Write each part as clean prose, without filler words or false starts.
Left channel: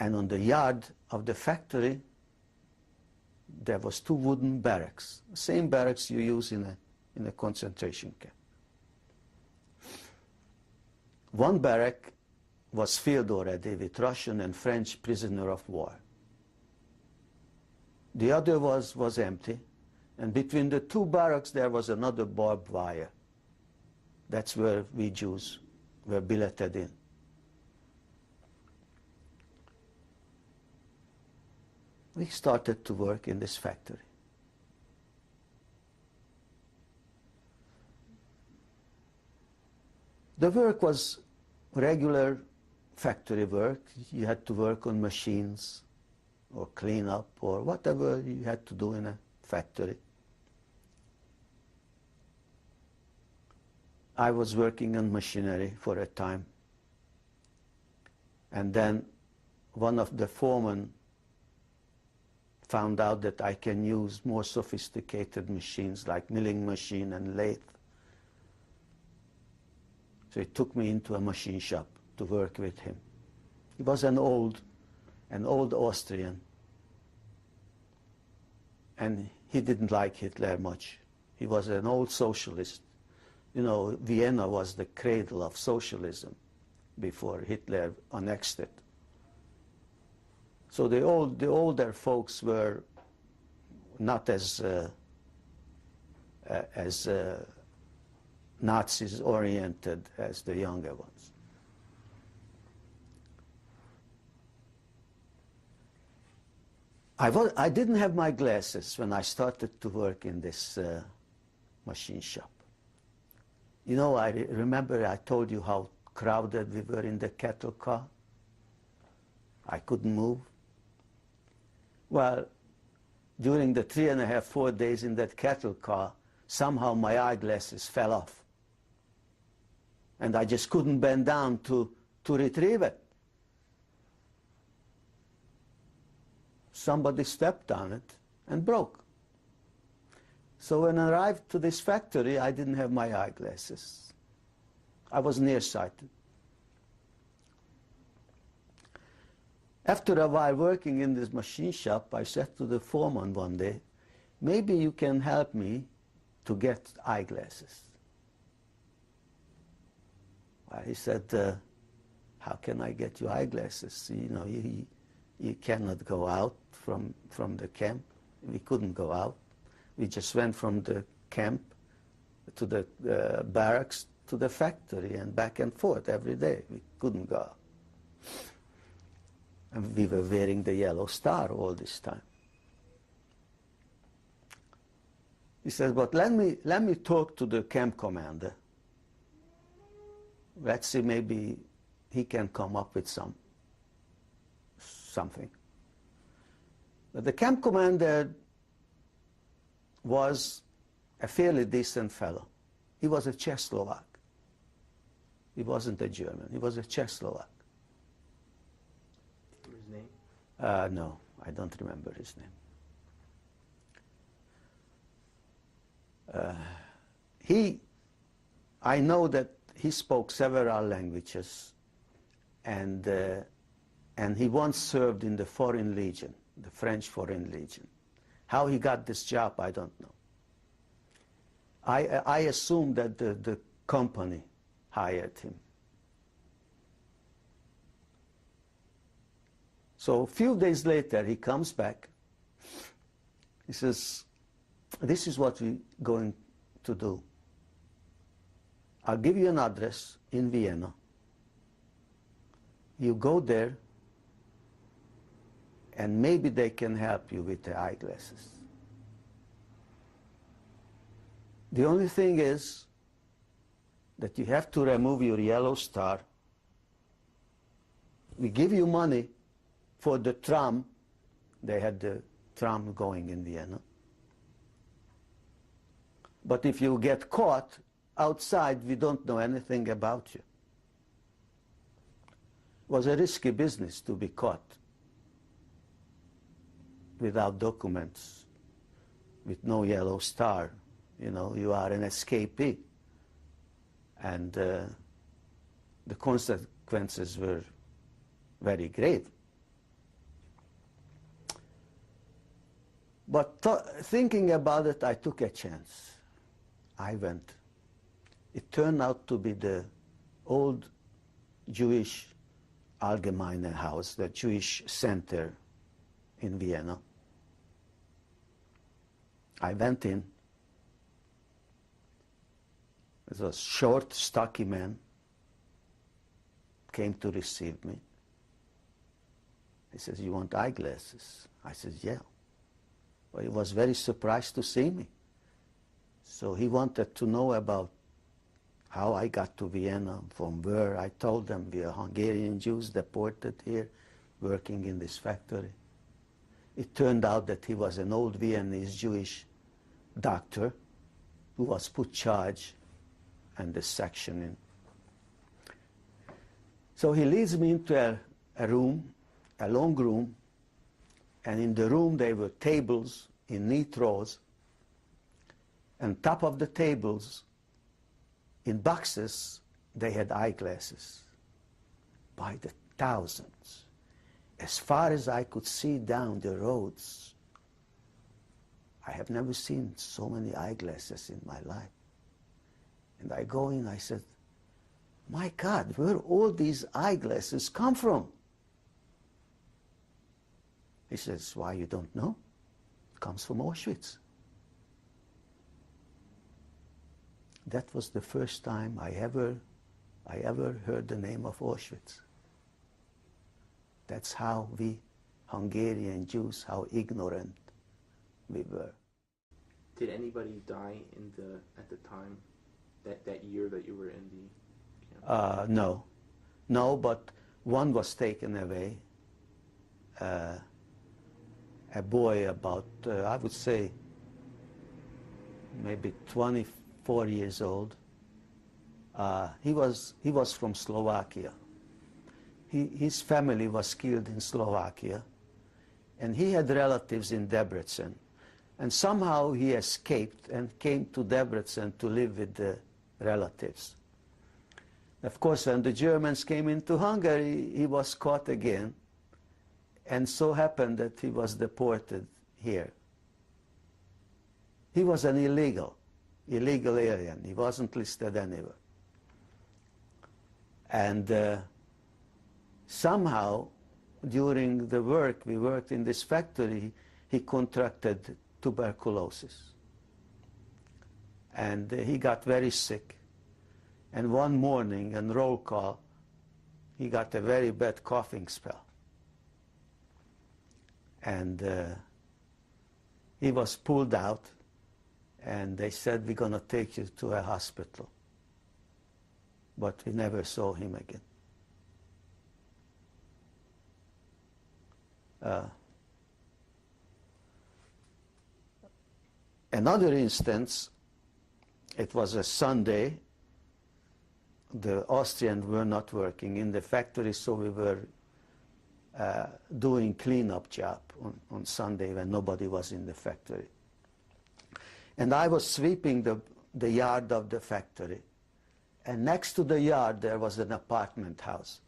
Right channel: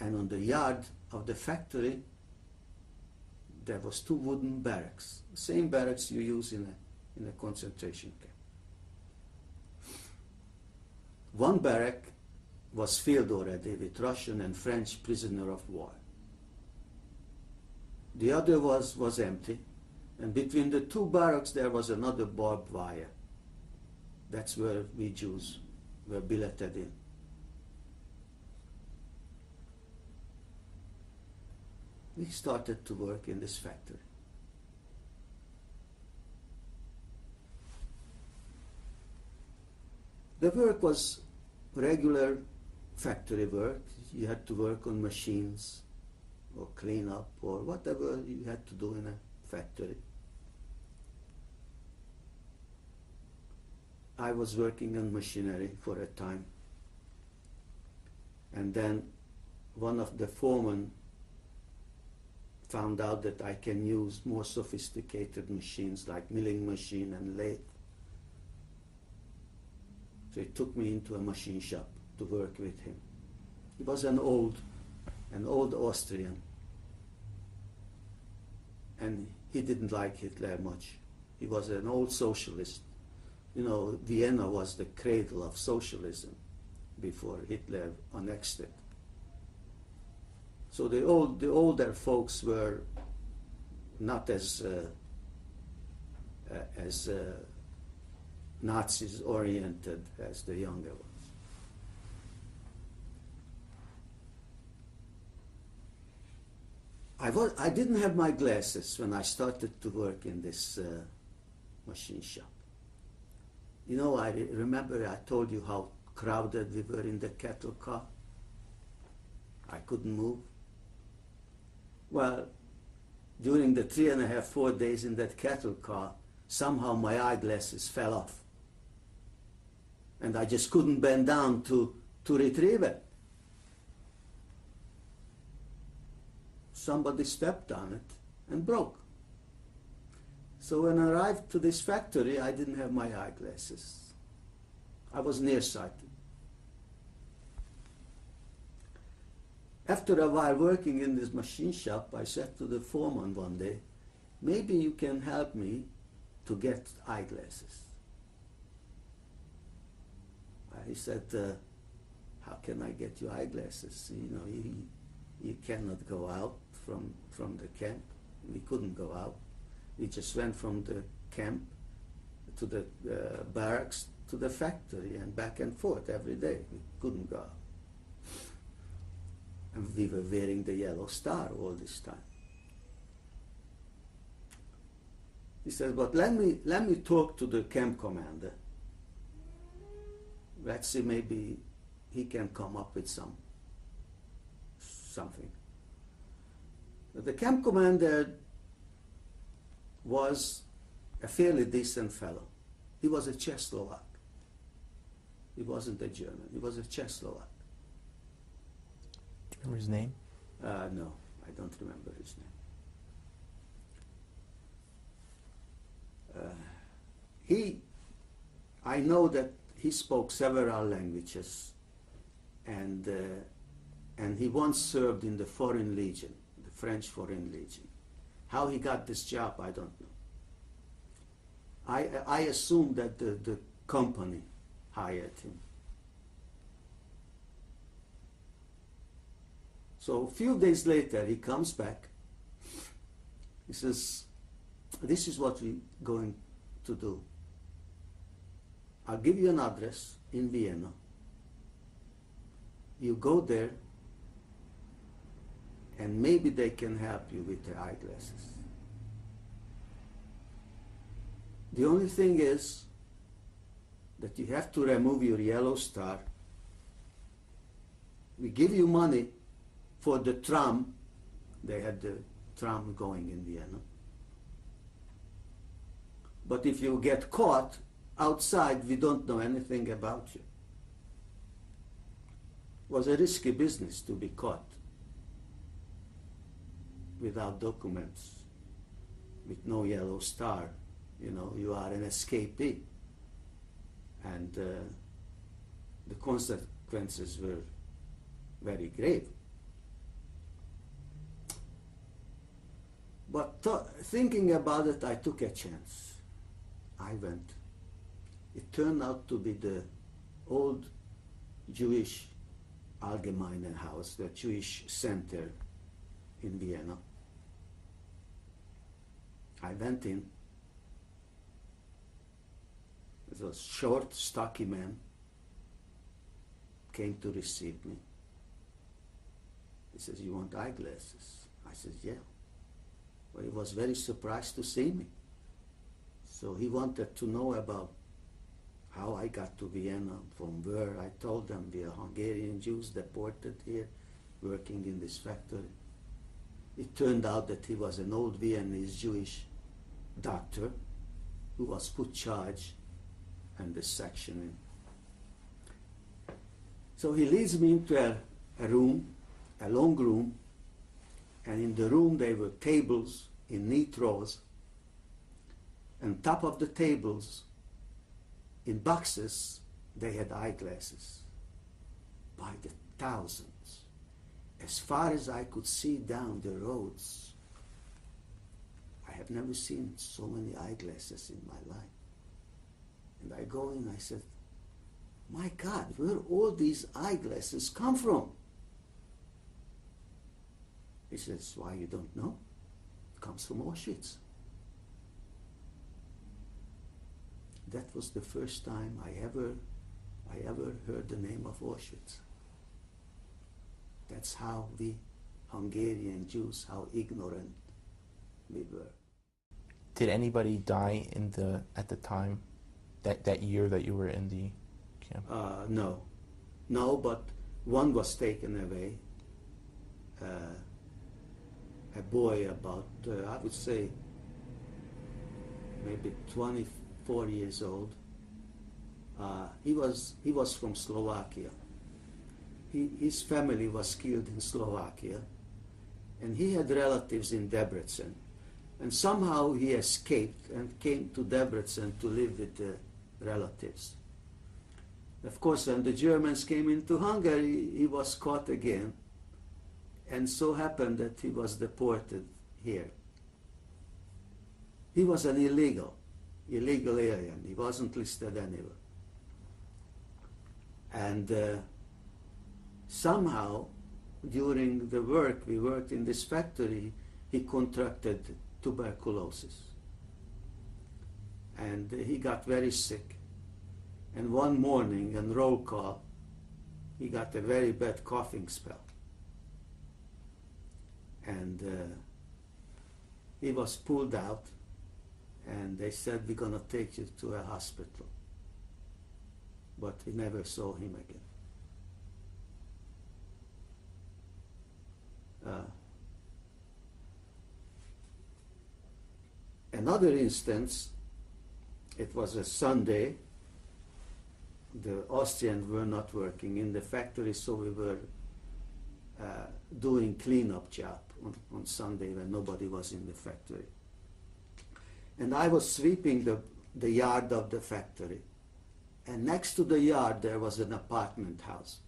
And on the yard of the factory, there was 2 wooden barracks, same barracks you use in a concentration camp. One barrack was filled already with Russian and French prisoner of war. The other was empty, and between the 2 barracks there was another barbed wire. That's where we Jews were billeted in. We started to work in this factory. The work was regular factory work. You had to work on machines or clean up or whatever you had to do in a factory. I was working on machinery for a time. And then one of the foremen found out that I can use more sophisticated machines like milling machine and lathe. So he took me into a machine shop to work with him. He was an old Austrian, and he didn't like Hitler much. He was an old socialist. You know, Vienna was the cradle of socialism before Hitler annexed it. So the older folks were not as Nazis oriented as the younger ones. I didn't have my glasses when I started to work in this machine shop. You know, I remember I told you how crowded we were in the cattle car. I couldn't move. Well, during the 3.5, 4 days in that cattle car, somehow my eyeglasses fell off. And I just couldn't bend down to retrieve it. Somebody stepped on it and broke. So when I arrived to this factory, I didn't have my eyeglasses. I was nearsighted. After a while working in this machine shop, I said to the foreman one day, maybe you can help me to get eyeglasses. He said, how can I get you eyeglasses? You know, you cannot go out from the camp. We couldn't go out. We just went from the camp to the barracks to the factory and back and forth every day. We couldn't go out. And we were wearing the yellow star all this time. He says, but let me talk to the camp commander. Let's see, maybe he can come up with something. But the camp commander was a fairly decent fellow. He was a Czechoslovak. He wasn't a German. He was a Czechoslovak. Do you remember his name? No, I don't remember his name. I know that he spoke several languages, and he once served in the Foreign Legion, the French Foreign Legion. How he got this job, I don't know. I assume that the company hired him. So a few days later, he comes back. He says, this is what we're going to do. I'll give you an address in Vienna. You go there, and maybe they can help you with the eyeglasses. The only thing is that you have to remove your yellow star. We give you money for the tram. They had the tram going in Vienna. But if you get caught outside, we don't know anything about you. It was a risky business to be caught without documents, with no yellow star. You know, you are an escapee. And the consequences were very grave. But thinking about it, I took a chance. I went. It turned out to be the old Jewish Allgemeine House, the Jewish center in Vienna. I went in. It was a short, stocky man, came to receive me. He says, "You want eyeglasses?" I said, "Yeah." Well, he was very surprised to see me. So he wanted to know about how I got to Vienna, from where. I told them we are Hungarian Jews deported here, working in this factory. It turned out that he was an old Viennese Jewish doctor who was put charge and the sectioning. So he leads me into a room, a long room, and in the room there were tables in neat rows, and top of the tables, in boxes, they had eyeglasses by the thousands. As far as I could see down the roads, I have never seen so many eyeglasses in my life. And I go in, I said, "My God, where all these eyeglasses come from?" He says, "Why, you don't know? It comes from Auschwitz." That was the first time I ever heard the name of Auschwitz. That's how we Hungarian Jews, how ignorant we were. Did anybody die at the time, that year that you were in the camp? No, but one was taken away. A boy about, I would say, maybe 24 years old. He was from Slovakia. His family was killed in Slovakia, and he had relatives in Debrecen. And somehow he escaped and came to Debrecen to live with the relatives. Of course, when the Germans came into Hungary, he was caught again, and so happened that he was deported here. He was an illegal alien. He wasn't listed anywhere. And somehow, during the work, we worked in this factory, he contracted tuberculosis. And he got very sick. And one morning, in roll call, he got a very bad coughing spell. And he was pulled out, and they said, "We're going to take you to a hospital." But we never saw him again. Another instance, it was a Sunday. The Austrians were not working in the factory, so we were doing cleanup job on Sunday when nobody was in the factory. And I was sweeping the yard of the factory. And next to the yard there was an apartment house.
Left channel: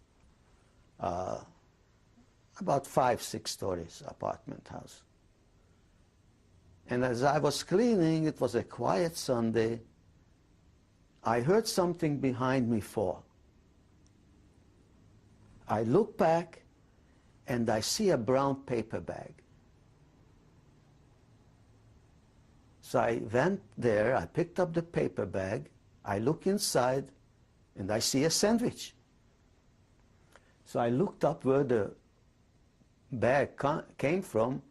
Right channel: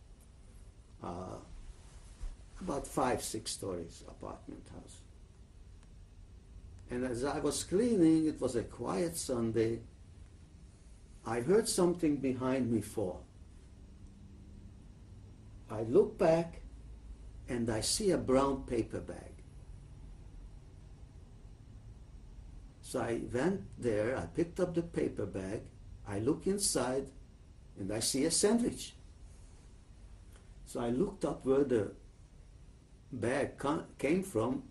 About 5-6 stories apartment house. And as I was cleaning, it was a quiet Sunday, I heard something behind me fall. I look back and I see a brown paper bag. So I went there, I picked up the paper bag, I look inside and I see a sandwich. So I looked up where the bag came from,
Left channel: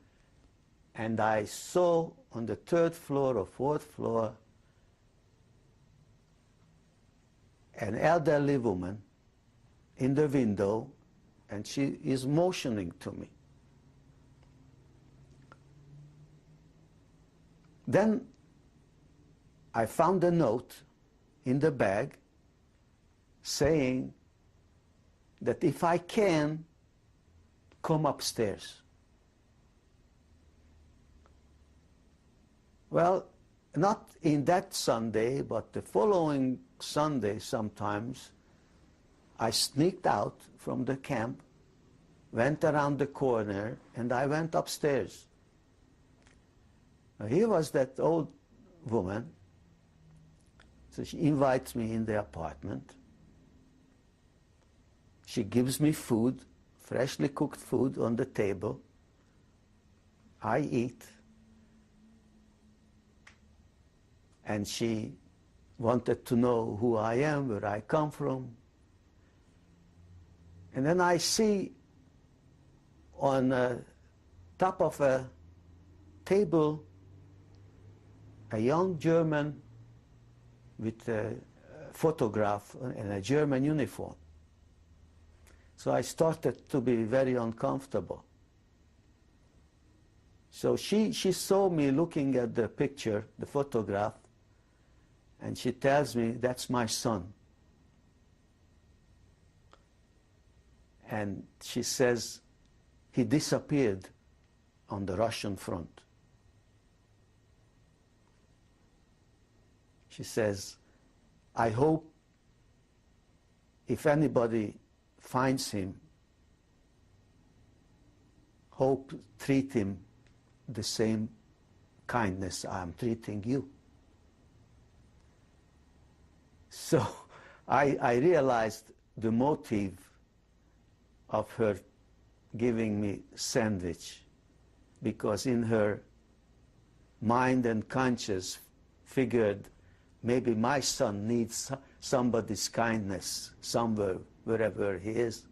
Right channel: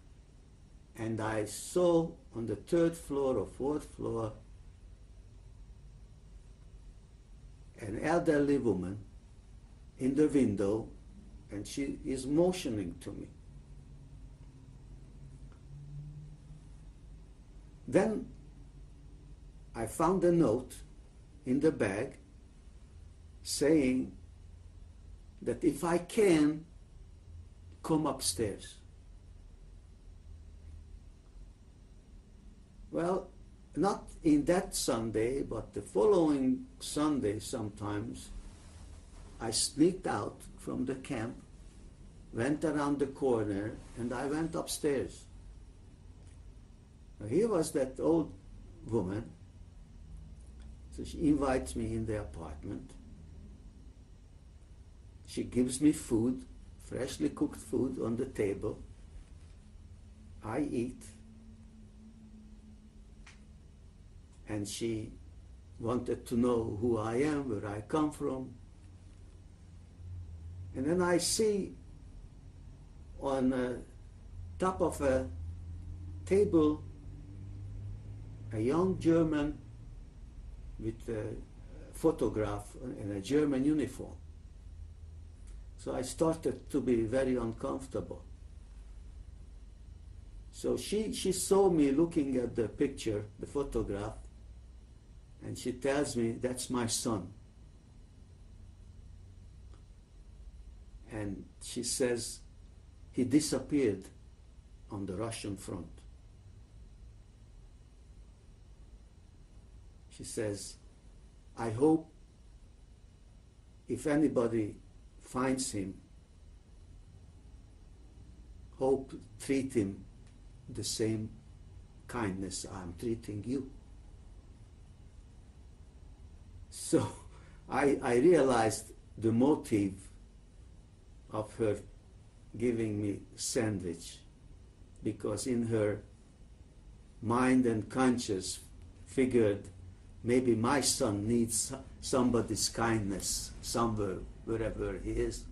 and I saw on the 3rd floor or 4th floor an elderly woman in the window, and she is motioning to me. Then I found a note in the bag saying that if I can, come upstairs. Well, not in that Sunday, but the following Sunday sometimes, I sneaked out from the camp, went around the corner, and I went upstairs. Here was that old woman. So she invites me in the apartment. She gives me food, freshly cooked food on the table. I eat. And she wanted to know who I am, where I come from. And then I see on top of a table a young German with a photograph in a German uniform. So I started to be very uncomfortable. So she saw me looking at the picture, the photograph, and she tells me, that's my son. And she says, he disappeared on the Russian front. She says, I hope if anybody finds him, hope treat him the same kindness I'm treating you. So I realized the motive of her giving me sandwich, because in her mind and conscience figured maybe my son needs somebody's kindness somewhere, wherever he is.